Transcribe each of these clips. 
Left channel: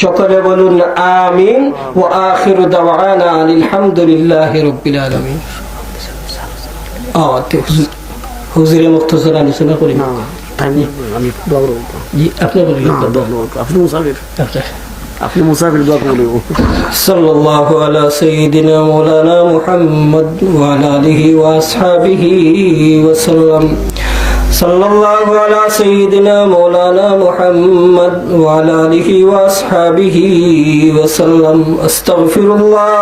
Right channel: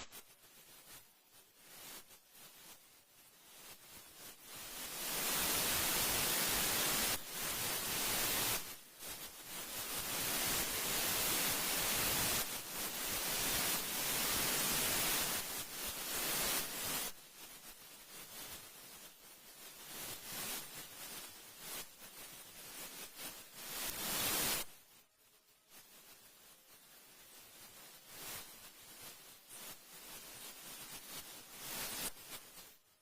সকলে বলুন আমিন। ওয়া আখিরু দাওয়ানা আলহামদুলিল্লাহি রাব্বিল আলামিন। হুজুরে মুখতাসার আলোচনা করি না, আমি দোয়া করব। জি আপনি বলুন। আপনি মুসাফির, আপনি মুসাফির, দোয়া করব। সাল্লাল্লাহু আলা সাইয়্যিদিনা মাওলানা মুহাম্মদ ওয়া আলা আলিহি ওয়া আসহাবিহি ওয়া সাল্লাম। সাল্লাল্লাহু আলা সাইয়্যিদিনা মাওলানা মুহাম্মদ ওয়া আলা আলিহি ওয়া আসহাবিহি ওয়া সাল্লাম। আস্তাগফিরুল্লাহ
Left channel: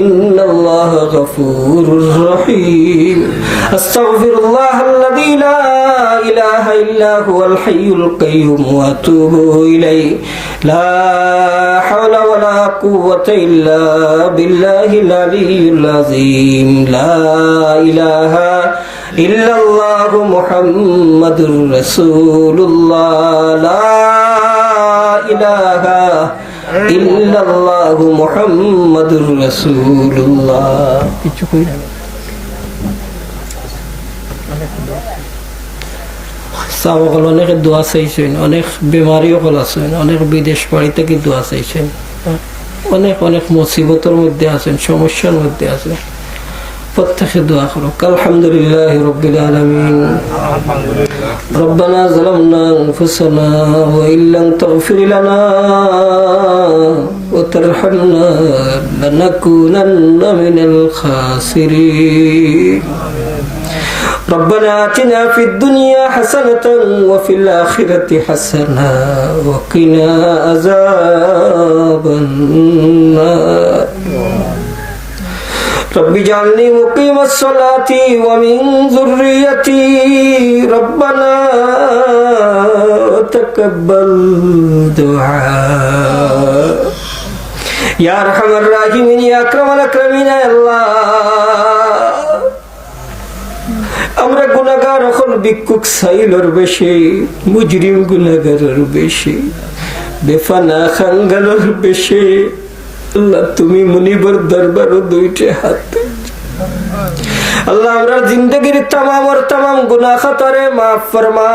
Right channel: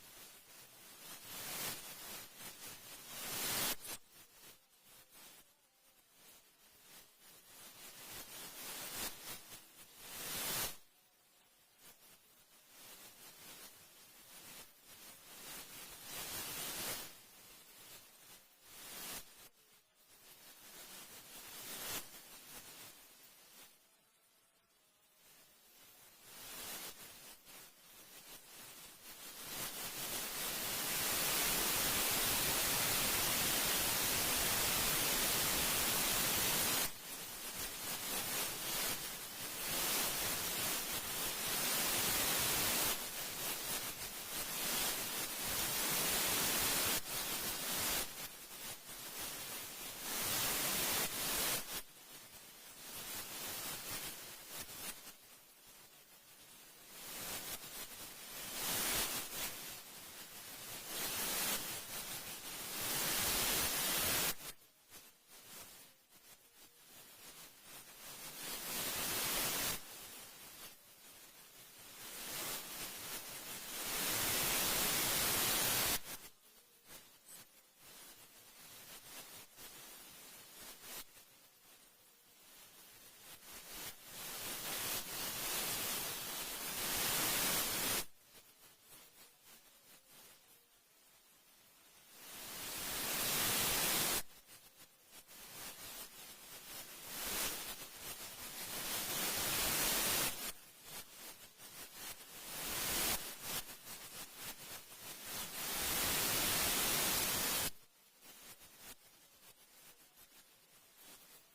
ইন্নাল্লাহা গফুরুর রহিম। আস্তাগফিরুল্লাহাল্লাযী লা ইলাহা ইল্লা হুয়াল হাইয়ুল কাইয়্যুম ওয়া আতুবু ইলাইহি। লা হাওলা ওয়া লা কুওয়াতা ইল্লা বিল্লাহিল আলিয়্যিল আযীম। লা ইলাহা ইল্লাল্লাহু মুহাম্মাদুর রাসূলুল্লাহ। লা ইলাহা ইল্লাল্লাহু মুহাম্মাদুর রাসূলুল্লাহ। কিছু কই না সাবকল অনেক দোয়া চাইছেন, অনেক বেমারিও কল আছেন, অনেক বিদেশ বাড়ি থেকে দোয়া চাইছেন, অনেক অনেক মুসিবতের মধ্যে আছেন, সমস্যার মধ্যে আছেন। প্রত্যেকে দোয়া করো। আলহামদুলিল্লাহি রাব্বিল আলামিন। রব্বানা যালামনা আনফুসানা ওয়া ইল্লাম তাগফির লানা ওয়া তারহামনা লানাকুনান্না মিনাল খাসিরিন। ربنا آتنا في الدنيا حسنة وفي الآخرة حسنة وقنا عذاب النار. رب اجعلني مقيم الصلاة ومن ذريتي ربنا تقبل دعاء يا أرحم الراحمين يا أكرم الأكرمين يا الله. আমরা গুনাহগার হল ভিক্ষুক সাইলর বেশি, মুজরিম গুনাহগারের বেশি, বেফানা খাঙ্গালের বেশি। আল্লাহ তুমি মুনিবর দরবারও দুইটা হাত। আল্লাহ আমরা জিন্দগির তামাম গুনাহ খাতারে মাফ ফরমা।